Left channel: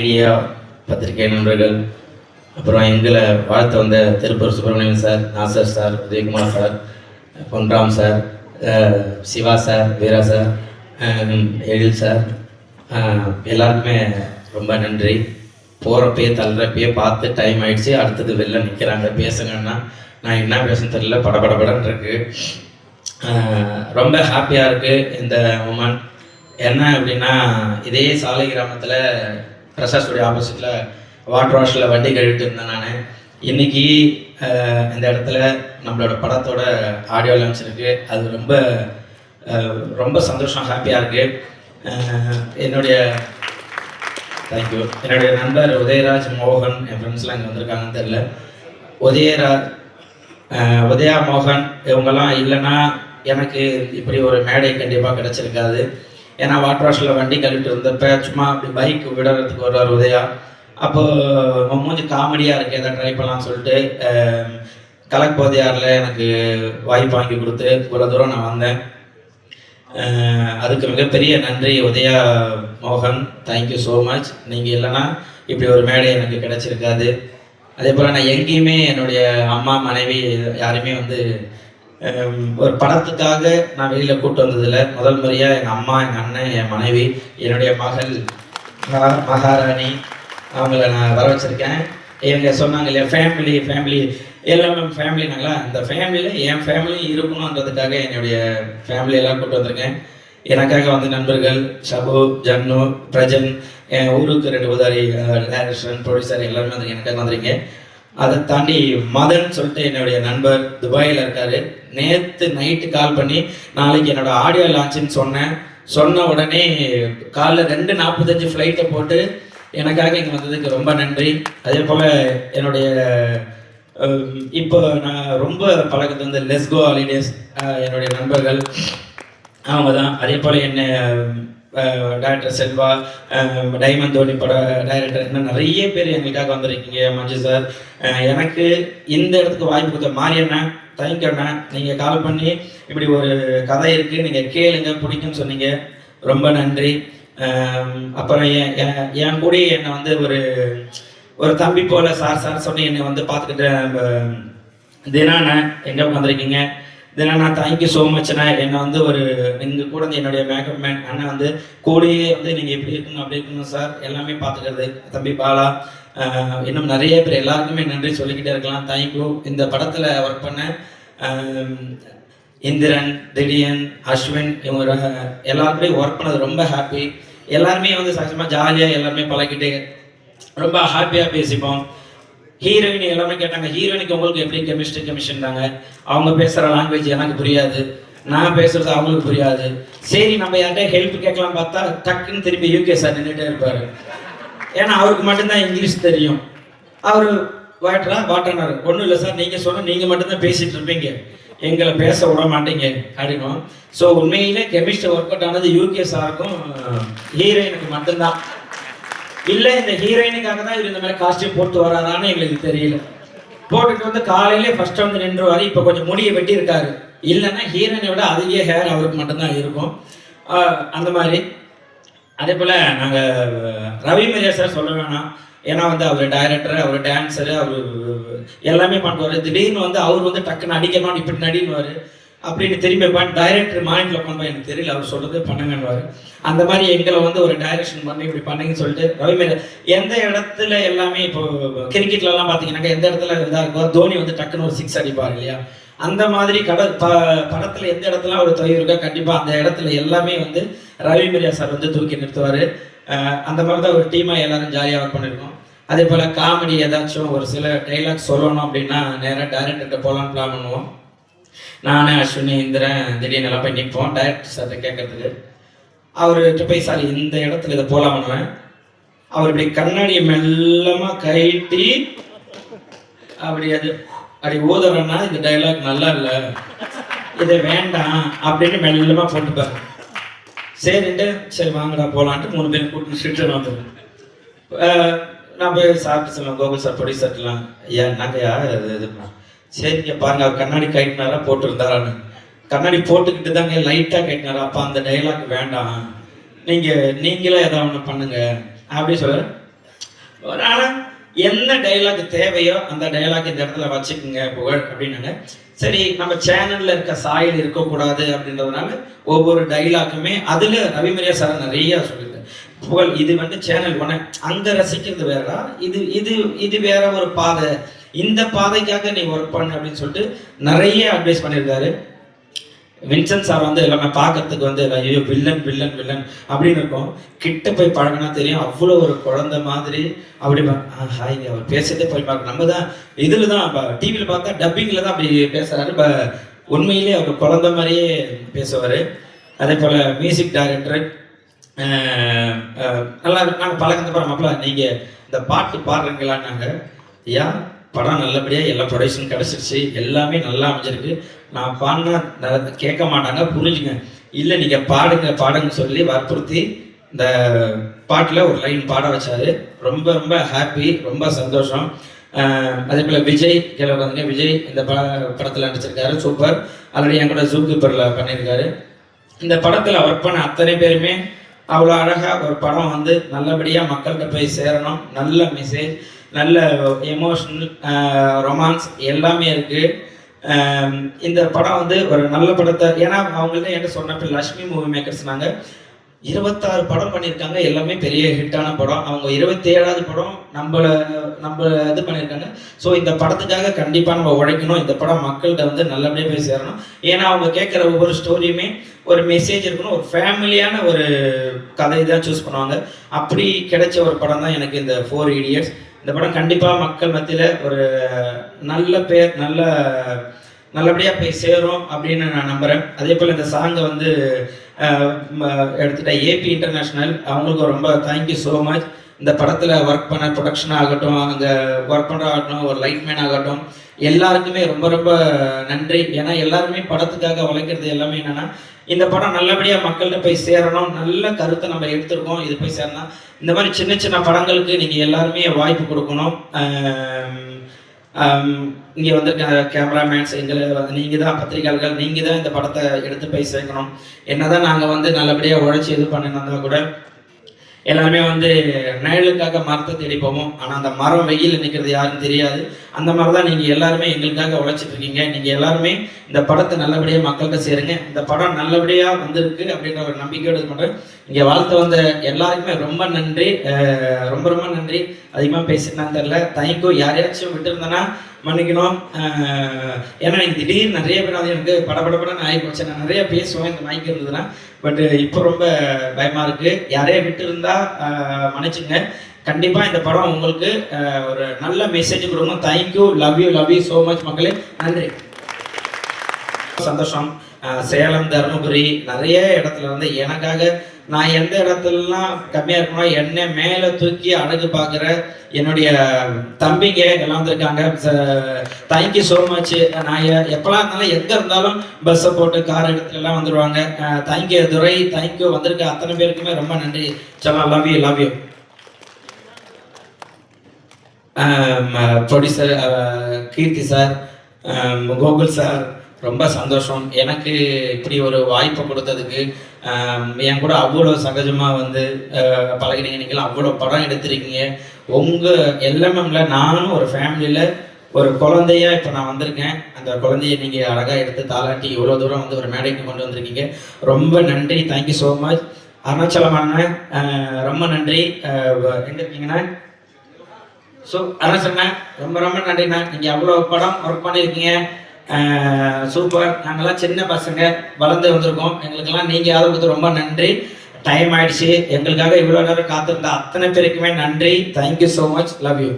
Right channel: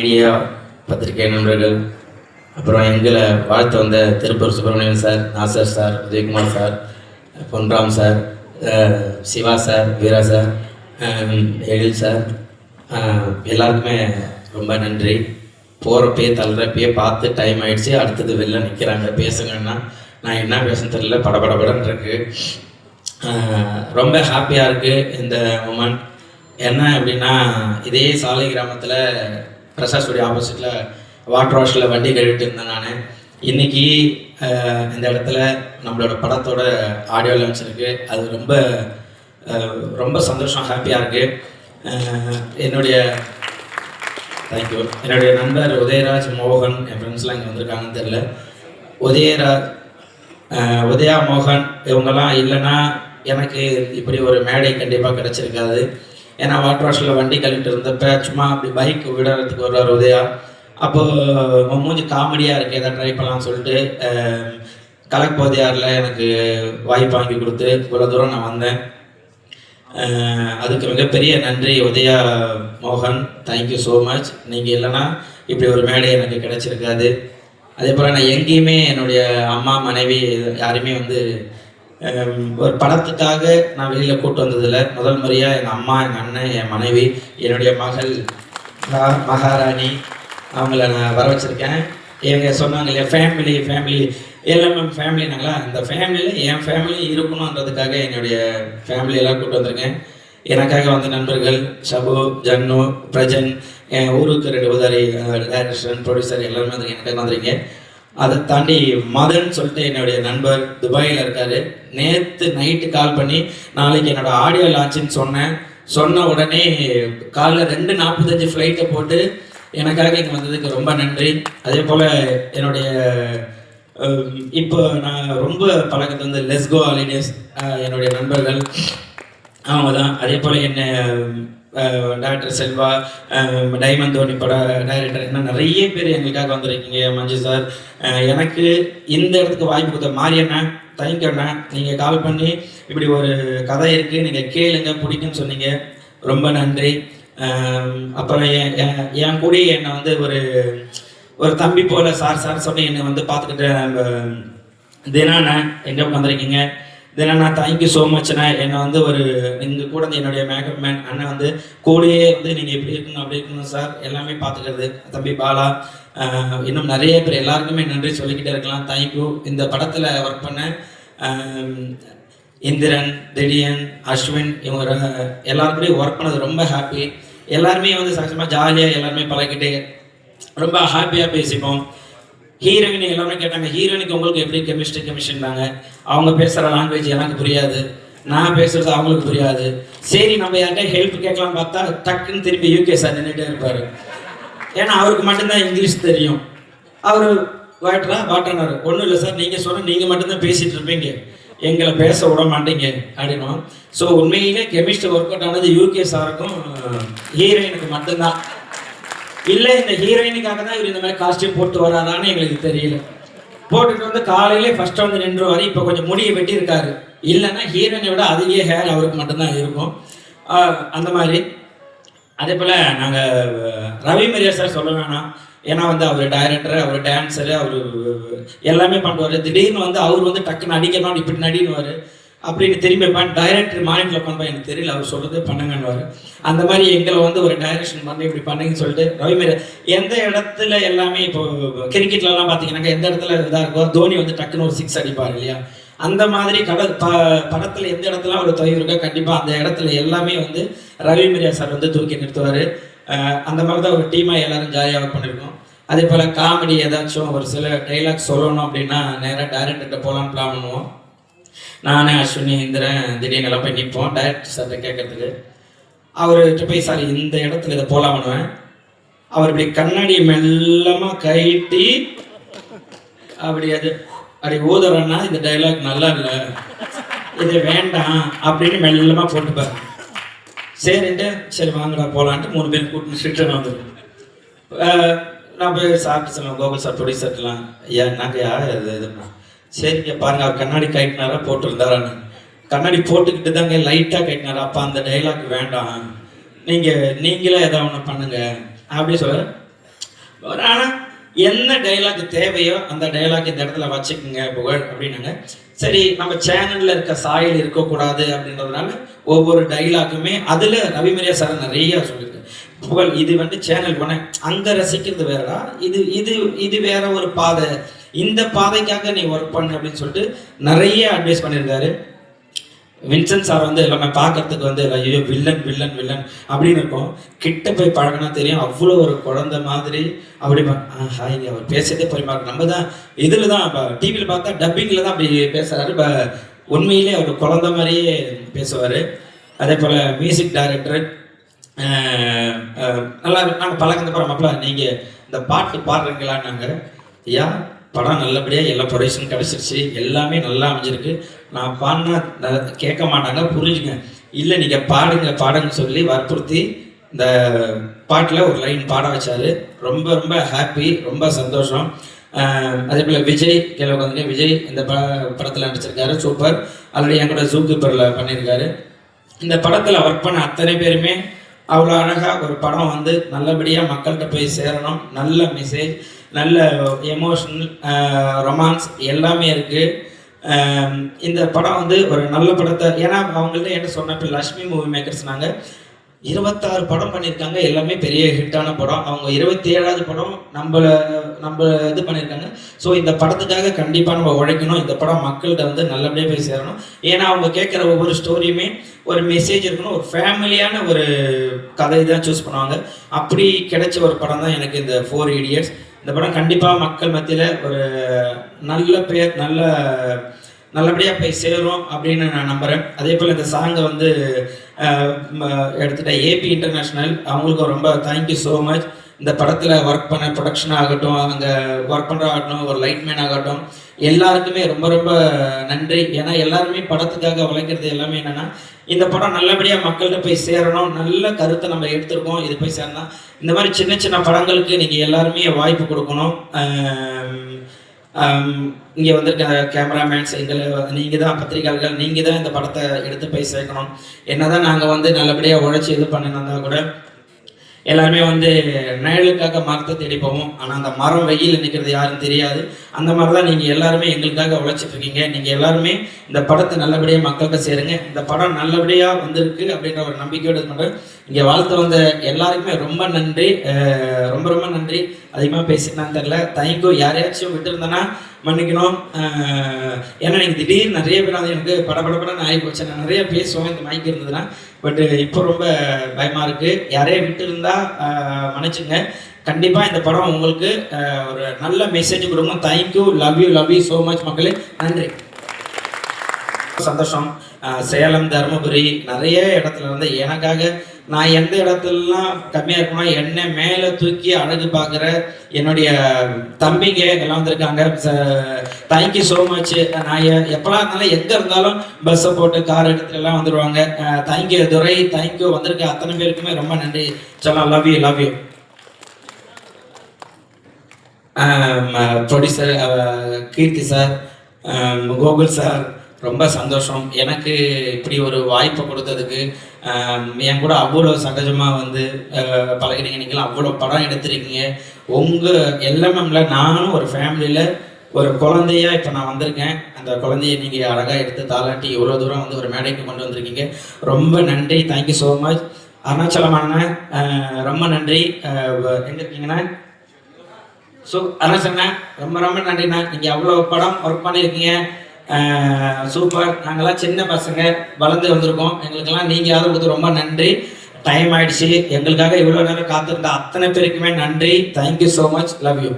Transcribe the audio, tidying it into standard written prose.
Media பத்திரிகை நண்பர்கள், அப்புறம் எங்களை வாழ்த்து வந்த Tiruppur Subramanian sir, Nasser sir, Vijayakumar sir, Ponram sir, Siva sir, Veera sir, Ezhil sir, எல்லாருக்குமே ரொம்ப நன்றி. போகிறப்பயே தள்ளுறப்பயே பார்த்து டைம் ஆகிடுச்சு, அடுத்தது வெளில நிற்கிறாங்க பேசுங்கன்னா நான் என்ன பேசணும் தெரியல, படபடபடன்னு இருக்கு. ரொம்ப ஹாப்பியாக இருக்குது இந்த மூமெண்ட். என்ன அப்படின்னா, இதே சாலை கிராமத்தில் பிரசாத் ஸ்டுடியோ ஆப்போசிட்டில் வாட்டர் வாஷில் வண்டி கழுவிட்டு இருந்தேன் நான். இன்றைக்கி இந்த இடத்துல நம்மளோட படத்தோட ஆடியோ லான்ச் இருக்குது. அது ரொம்ப ரொம்ப சந்தோஷம், ஹாப்பியாக இருக்குது. என்னுடைய தேங்க்யூ. என்னுடைய நண்பர் உதயராஜ், மோகன், என் ஃப்ரெண்ட்ஸ்லாம் இங்கே வந்திருக்காங்கன்னு தெரில. உதயா, மோகன் இவங்கெல்லாம் இல்லைன்னா எனக்கு இப்படி ஒரு மேடை கண்டிப்பாக கிடச்சிருக்காது. ஏன்னா வாட்டர் வாஷில் வண்டி கழுவிட்டு இருந்தப்போ சும்மா அப்படி பைக் விடுறதுக்கு வருவார் உதயா. அப்போது மூஞ்சி காமெடியாக இருக்குது, எதை ட்ரை பண்ணலாம்னு சொல்லிட்டு கலக் போதையாரில் எனக்கு வாய்ப்பு வாங்கி கொடுத்து இவ்வளோ தூரம் நான் வந்தேன். அதுக்கு மிகப்பெரிய நன்றி உதயா, மோகன், தேங்க்யூ ஸோ மச். நீங்கள் இல்லைன்னா இப்படி ஒரு மேடை எனக்கு கிடச்சிருக்காது. அதே போல் நான் எங்கேயுமே என்னுடைய அம்மா, மனைவி யாருமே ஒரு படத்துக்காக நான் வெளியில் கூப்பிட்டு வந்ததில்லை. முதல் முறையாக எங்கள் அம்மா, எங்கள் அண்ணன், என் மனைவி, என்னுடைய மகள் மகாராணி, அவங்கள நான் வர வச்சுருக்கேன். இவங்க சொன்னாங்க இல்லையா, ஃபேமிலி எல்லாமே ஃபேமிலினாங்களா, அந்த ஃபேமிலியில் என் ஃபேமிலி இருக்கணுன்றதுக்காக என்னுடைய ஃபேமிலியெல்லாம் கூப்பிட்டு வந்திருக்கேன். எனக்காக வந்த நண்பர்கள் ஷபு, ஜன்னு, பிரஜன், என் ஊருக்கு 2 உதாரி டைரக்டர், ப்ரொடியூசர் எல்லாருமே எனக்காக வந்திருக்கேன். அதை தாண்டி மதன் சொல்லிட்டு என்னுடைய நண்பர் துபாயில் இருக்கார். நேற்று நைட்டு கால் பண்ணி நாளைக்கு என்னோடய ஆடியோ லான்ச்சுன்னு சொன்ன உடனே காலைல 2:45 ஃப்ளைட்டை போட்டு எனக்காக இங்கே வந்ததுக்கு ரொம்ப நன்றி. அதே போல் என்னுடைய இப்போ நான் ரொம்ப பழக்கத்து லெஸ்கோ ஹாலிடேஸ் என்னுடைய நண்பர்கள் அவங்க தான். அதே போல் என்ன டைரக்டர் செல்வா, டைமண்ட் தோனி பட டைரக்டர், இன்னும் நிறைய பேர் எங்களுக்காக வந்திருக்கீங்க. மஞ்சு சார், எனக்கு இந்த இடத்துக்கு வாய்ப்பு கொடுத்த மாரியண்ணா, தேங்க்யூண்ணா. நீங்கள் கால் பண்ணி இப்படி ஒரு கதை இருக்குது, நீங்கள் கேளுங்க, பிடிக்குன்னு சொன்னீங்க, ரொம்ப நன்றி. அப்புறம் என் கூட என்னை ஒரு தம்பி போல் சார் சொல்லி என்னை பார்த்துக்கிட்டு தினாண்ணா எங்கே வந்திருக்கீங்க. தினா, தேங்க்யூ ஸோ மச்ண்ணா. என்னை ஒரு நீங்கள் கூட என்னுடைய மேக்கப் மேன் அண்ணன் கூடயே நீங்கள் எப்படி இருக்கணும் அப்படி இருக்கணும் சார் எல்லாமே பார்த்துக்கிறது. தம்பி பாலா, இன்னும் நிறைய பேர், எல்லாருக்குமே நன்றி சொல்லிக்கிட்டே இருக்கலாம். தேங்க்யூ. இந்த படத்தில் ஒர்க் பண்ண இந்திரன், திடீன், அஸ்வின், இவங்க எல்லாருக்குமே ஒர்க் பண்ணது ரொம்ப ஹாப்பி. எல்லாருமே சகஜமாக ஜாலியாக எல்லாருமே பழகிட்டு ரொம்ப ஹாப்பியாக பேசிப்போம். ஹீரோயின் எல்லாமே கேட்டாங்க, ஹீரோயினுக்கு உங்களுக்கு எப்படி கெமிஸ்ட்ரினாங்க. அவங்க பேசுகிற லாங்குவேஜ் எனக்கு புரியாது, நான் பேசுகிறது அவங்களுக்கு புரியாது. சரி, நம்ம யார்கிட்ட ஹெல்ப் கேட்கலாம் பார்த்தா டக்குன்னு திருப்பி யூகே சார் நின்றுட்டே இருப்பார். ஏன்னா அவருக்கு மட்டும்தான் இங்கிலீஷ் தெரியும். அவர் வாட்டனார், ஒன்றும் இல்லை சார், நீங்கள் சொன்னால் நீங்கள் மட்டும்தான் பேசிகிட்டு இருப்பீங்க, எங்களை பேச விட மாட்டீங்க அப்படின்னும். ஸோ உண்மையிலே கெமிஸ்ட்ரி ஒர்க் அவுட் ஆனது யூகே சாருக்கும் ஹீரோயினுக்கு மட்டும்தான். இல்லை, இந்த ஹீரோயினுக்காக தான் இவர் இந்த மாதிரி காஸ்டியூம் போட்டு வராரான்னு எங்களுக்கு தெரியல. போட்டுட்டு காலையிலே ஃபர்ஸ்ட் நின்றுவார். இப்போ கொஞ்சம் முடியை வெட்டியிருக்காரு. இல்லைன்னா ஹீரோயினை விட அதிக ஹேர் அவருக்கு மட்டும்தான் இருக்கும். அந்த மாதிரி. அதே போல் நாங்கள் ரவி மரியா சார் சொல்ல வேணாம். ஏன்னா அவர் டைரக்டர், அவர் டான்ஸரு, அவர் எல்லாமே பண்ணுவார். திடீர்னு அவர் டக்குன்னு அடிக்கணும், இப்படி நடினுவார், அப்படின்னு திரும்பி டைரக்டர் மாநிலத்தில் உட்காந்து எனக்கு தெரியல, அவர் சொல்கிறது பண்ணுங்கன்னுவார். அந்த மாதிரி எங்களை ஒரு டைரக்ஷன் பண்ணி இப்படி பண்ணுங்கன்னு சொல்லிட்டு ரவிமேரி எந்த இடத்துல எல்லாமே இப்போ கிரிக்கெட்லலாம் பார்த்தீங்கன்னாக்கா எந்த இடத்துல இதாக இருக்கும், தோனி டக்குன்னு ஒரு 6 அடிப்பார் இல்லையா, அந்த மாதிரி படத்தில் எந்த இடத்துல ஒரு தொய்வு இருக்கோ கண்டிப்பாக அந்த இடத்துல எல்லாமே ரவிமேரியா சார் தூக்கி நிறுத்துவார். அந்த மாதிரி தான் ஒரு டீமாக எல்லோரும் ஜாலியாக ஒர்க் பண்ணியிருக்கோம். அதே போல் காமெடி ஏதாச்சும் ஒரு சில டைலாக் சொல்லணும் அப்படின்னா நேராக டைரக்டர்கிட்ட போகலான்னு பிளான் பண்ணுவோம். நானே, அஸ்வினி, இந்திரன், திடீர்னு எல்லாம் போய் நிற்போம் டைரக்டர் சார்கிட்ட கேட்கறதுக்கு. அவர்கிட்ட போய் சார் இந்த இடத்துல இதை போகலாம் பண்ணுவேன். அவர் இப்படி கண்ணாடியை மெல்லமாக கழட்டி அப்படி ஊதுறன்னா இந்த டைலாக் நல்லா இல்லை, இதை வேண்டாம் அப்படின்னு மெல்லமாக போட்டுப்பார். சரின்ட்டு சரி வாங்கடா போகலான்ட்டு 3 பேர் கூட்டிட்டு வந்துடுவேன். நான் போய் சாப்பிட்டு சொல்லுவேன், கோகுல் சார் ப்ரொடியூசர்லாம், ஐயா நாங்கள் யார் இதுன்னா, சரிங்க பாருங்க, அவர் கண்ணாடி கைட்டினாரா போட்டுருந்தாரான்னு. கண்ணாடி போட்டுக்கிட்டு தாங்க லைட்டாக கைட்டினாரா, அப்போ அந்த டைலாக் வேண்டாம், நீங்களே ஏதாவது ஒன்று பண்ணுங்க அப்படி சொல்ல. என்ன டைலாக் தேவையோ அந்த டைலாக் இந்த இடத்துல வச்சுக்கோங்க புகழ் அப்படின்னாங்க. சரி, நம்ம சேனல்ல இருக்க சாயல் இருக்கக்கூடாது அப்படின்றதுனால ஒவ்வொரு டைலாக்குமே அதுல ரவிமரியா சார் நிறைய சொல்லியிருக்கேன். புகழ் இது வந்து சேனல் ஒன்று, அங்க ரசிக்கிறது வேறடா, இது இது இது வேற ஒரு பாதை, இந்த பாதைக்காக நீ ஒர்க் பண்ணு அப்படின்னு சொல்லிட்டு நிறைய அட்வைஸ் பண்ணியிருக்காரு. வின்சென்ட் சார் வந்து எல்லாமே பார்க்கறதுக்கு வந்து ஐயோ வில்லன் வில்லன் வில்லன் அப்படின்னு இருக்கும். கிட்ட போய் பழகினா தெரியும், அவ்வளோ ஒரு குழந்தை மாதிரி. அப்படி ஹாய் அவர் பேசுறதே போய் பார்க்க, நம்ம தான் இதில் தான் டிவியில் பார்த்தா டப்பிங்கில் தான் அப்படி பேசுகிறாரு. உண்மையிலே அவர் குழந்தை மாதிரியே பேசுவார். அதே போல் மியூசிக் டைரக்டர் நல்லா நாங்கள் பழக்கந்த படம் அப்பலாம் நீங்கள் இந்த பாட்டு பாடுறீங்களான்னாங்க. ஐயா படம் நல்லபடியாக எல்லா ப்ரொடக்ஷனும் கிடச்சிருச்சு, எல்லாமே நல்லா அமைஞ்சிருக்கு. நான் பாடினா கேட்க மாட்டாங்க, புரிஞ்சுங்க. இல்லை நீங்கள் பாடுங்க பாடுங்கன்னு சொல்லி வற்புறுத்தி இந்த பாட்டில் ஒரு லைன் பாட வச்சார். ரொம்ப ரொம்ப ஹாப்பி, ரொம்ப சந்தோஷம். அதே போல் விஜய் கேள்வி உட்காந்துங்க, விஜய் இந்த படத்தில் நடிச்சிருக்காரு, சூப்பர். ஆல்ரெடி என் கூட ஜூ கீப்பரில் பண்ணியிருக்காரு. இந்த படத்தில் ஒர்க் பண்ண அத்தனை பேருமே அவ்வளோ அழகாக ஒரு படம் வந்து நல்லபடியாக மக்கள்கிட்ட போய் சேரணும். நல்ல மெசேஜ், நல்ல எமோஷனல், ரொமான்ஸ் எல்லாமே இருக்குது. இந்த படம் வந்து ஒரு நல்ல படத்தை, ஏன்னா அவங்கள்ட்ட என்கிட்ட சொன்னப்போ லக்ஷ்மி மூவி மேக்கர்ஸ் நாங்கள் 26 படம் பண்ணியிருக்காங்க, எல்லாமே பெரிய ஹிட்டான படம். அவங்க 27வது படம் நம்ம இது பண்ணியிருக்காங்க. ஸோ இந்த படத்துக்காக கண்டிப்பாக நம்ம உழைக்கணும். இந்த படம் மக்கள்கிட்ட வந்து நல்லபடியாக போய் சேரணும். ஏன்னா அவங்க கேட்குற ஒவ்வொரு ஸ்டோரியுமே ஒரு மெசேஜ் இருக்கணும், ஒரு ஃபேமிலியான ஒரு கதை தான் சூஸ் பண்ணுவாங்க. அப்படி கிடைச்ச ஒரு படம் தான் எனக்கு இந்த 4 Idiots. இந்த படம் கண்டிப்பாக மக்கள் மத்தியில் ஒரு நல்ல பேர், நல்லபடியாக போய் சேரும் அப்படின்னு நான் நம்புகிறேன். அதே போல் இந்த சாங்கை வந்து எடுத்துகிட்ட ஏபி இன்டர்நேஷ்னல், அவங்களுக்கும் ரொம்ப தேங்க்யூ ஸோ மச். இந்த படத்தில் ஒர்க் பண்ண ப்ரொடக்ஷன் ஆகட்டும், அங்கே ஒர்க் பண்ணுற ஆகட்டும், ஒரு லைட்மேன் ஆகட்டும், எல்லாருக்குமே ரொம்ப ரொம்ப நன்றி. ஏன்னா எல்லாருமே படத்துக்காக உழைக்கிறது எல்லாமே என்னென்னா இந்த படம் நல்லபடியாக மக்கள்கிட்ட போய் சேரணும், நல்ல கருத்தை நம்ம எடுத்துருக்கோம், இது போய் சேரணும். இந்த மாதிரி சின்ன சின்ன படங்களுக்கு நீங்கள் எல்லாருமே வாய்ப்பு கொடுக்கணும். இங்கே வந்திருக்க கேமராமேன்ஸ், எங்களை நீங்கள் தான் பத்திரிகையாளர்கள், நீங்கள் தான் இந்த படத்தை எடுத்து போய் சேர்க்கணும். என்ன தான் நாங்கள் வந்து நல்லபடியாக உழைச்சி இது பண்ணினா கூட எல்லாருமே வந்து நிழலுக்காக மரத்தை தேடி போவோம். ஆனால் அந்த மரம் வெயில் நிற்கிறது யாருன்னு தெரியாது. அந்த மாதிரி தான் நீங்கள் எல்லாருமே எங்களுக்காக உழைச்சிட்டு இருக்கீங்க. நீங்கள் எல்லாருமே இந்த படத்தை நல்லபடியாக மக்கள்கிட்ட சேருங்க. இந்த படம் நல்லபடியாக வந்திருக்கு அப்படின்ற ஒரு நம்பிக்கையோடு இது பண்ணுறேன். இங்கே வாழ்த்து வந்த எல்லாருக்குமே ரொம்ப நன்றி, ரொம்ப ரொம்ப நன்றி. அதிகமாக பேசினான்னு தெரில, தேங்க்யூ. யாரையாச்சும் விட்டுருந்தேன்னா மன்னிக்கணும். ஏன்னா எனக்கு திடீர்னு நிறைய பேர் வந்து எனக்கு படப்படப்படன்னு ஆகி போச்சு. நான் நிறையா பேசுவேன் இந்த மைக் இருந்ததுன்னா. பட் இப்போ ரொம்ப பயமாக இருக்குது. யாரையும் விட்டு இருந்தால் மன்னிச்சுங்க. கண்டிப்பாக இந்த படம் உங்களுக்கு ஒரு நல்ல மெசேஜ் கொடுக்கணும். Thank you, love you so much மக்களே, நன்றி. சந்தோஷம். சேலம், தருமபுரி நிறைய இடத்துல வந்து எனக்காக நான் எந்த இடத்துலலாம் கம்மியாக இருக்குமா என்னை மேலே தூக்கி அழகு பார்க்குற என்னுடைய தம்பிங்க எல்லாம் வந்திருக்காங்க. Thank you so much. நான் எப்போலாம் இருந்தாலும் எங்கே இருந்தாலும் பஸ்ஸை போட்டு கார் எடுத்துலாம் வந்துடுவாங்க. Thank you Durai, thank you. வந்திருக்க அத்தனை பேருக்குமே ரொம்ப நன்றி. சொல்லலாம், love you. Producer Keerthi sir, Gokul sir, ரொம்ப சந்தோஷம். எனக்கு இப்படி ஒரு வாய்ப்பை கொடுத்ததுக்கு, என் கூட அவ்வளோ சகஜமாக வந்து பழகினீங்க. நீங்களும் அவ்வளோ படம் எடுத்திருக்கீங்க. உங்கள் எல்எம்எம்ல நானும் ஒரு ஃபேமிலியில் ஒரு குழந்தையா இப்போ நான் வந்திருக்கேன். அந்த குழந்தைய நீங்கள் அழகாக எடுத்து தாளாட்டி இவ்வளோ தூரம் வந்து ஒரு மேடைக்கு கொண்டு வந்திருக்கீங்க. ரொம்ப நன்றி, தேங்க்யூ ஸோ மச். அருணாச்சலமான ரொம்ப நன்றி. எங்கே இருக்கீங்கண்ணா? ஸோ அருணாச்சலண்ணா ரொம்ப ரொம்ப நன்றிண்ணா. நீங்கள் அவ்வளோ படம் ஒர்க் பண்ணியிருக்கீங்க, சூப்பர். நாங்கள்லாம் சின்ன பசங்க வளர்ந்து வந்திருக்கோம். எங்களுக்கெல்லாம் நீங்கள் ஆதரவு கொடுத்து ரொம்ப நன்றி. டைம் ஆயிடுச்சு. எங்களுக்காக இவ்வளோ நேரம் காத்திருந்த அத்தனை பேருக்குமே நன்றி. Thank you so much, love you.